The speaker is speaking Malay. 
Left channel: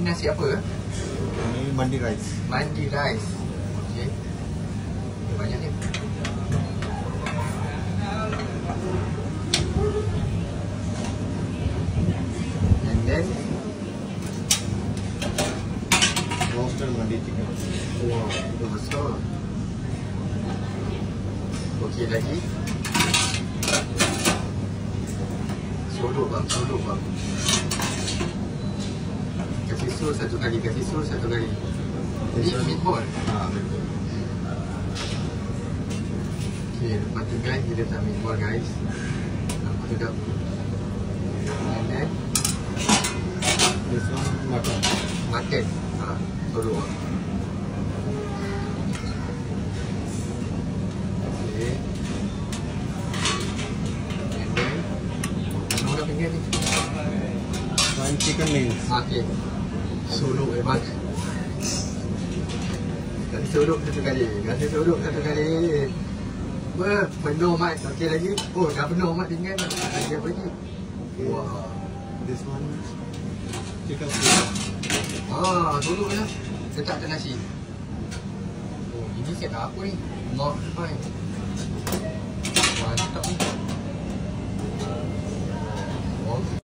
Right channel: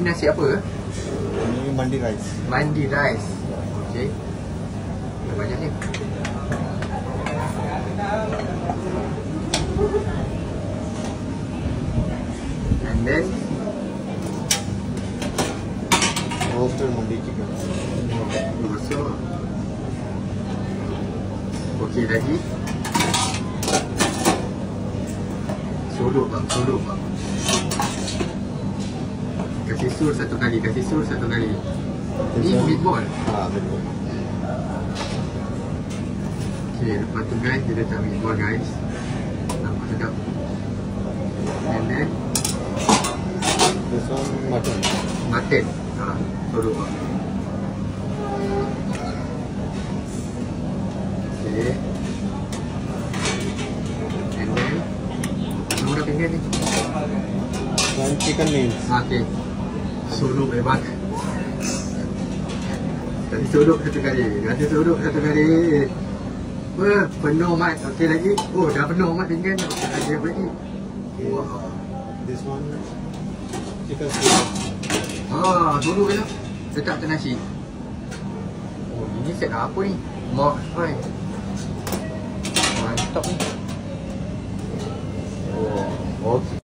Ini nasi apa? Ini mandi rice. Mandi rice. Okey. Banyak ni. And then Roasted mandi chicken. Okey lagi. Sodok. Kasih sus satu kali. Ni meatball. Meatball. Okey, lepas tu guys, dia letak meatball guys. Nampak sedap. And then This one mutton. mutton. Sodok. Okey. And then murah pinggan ni. One chicken wings. Okey. Sodok hebat. Kasih sodok satu kali. Penuh mat. Okey lagi. Oh, dah penuh mat pinggan. Lagi apa lagi? Okay. This one chicken steak. Sodok je. Letak atas nasi. Oh, ini set apa ni? Mock fry. Mantap ni. Oh, okey.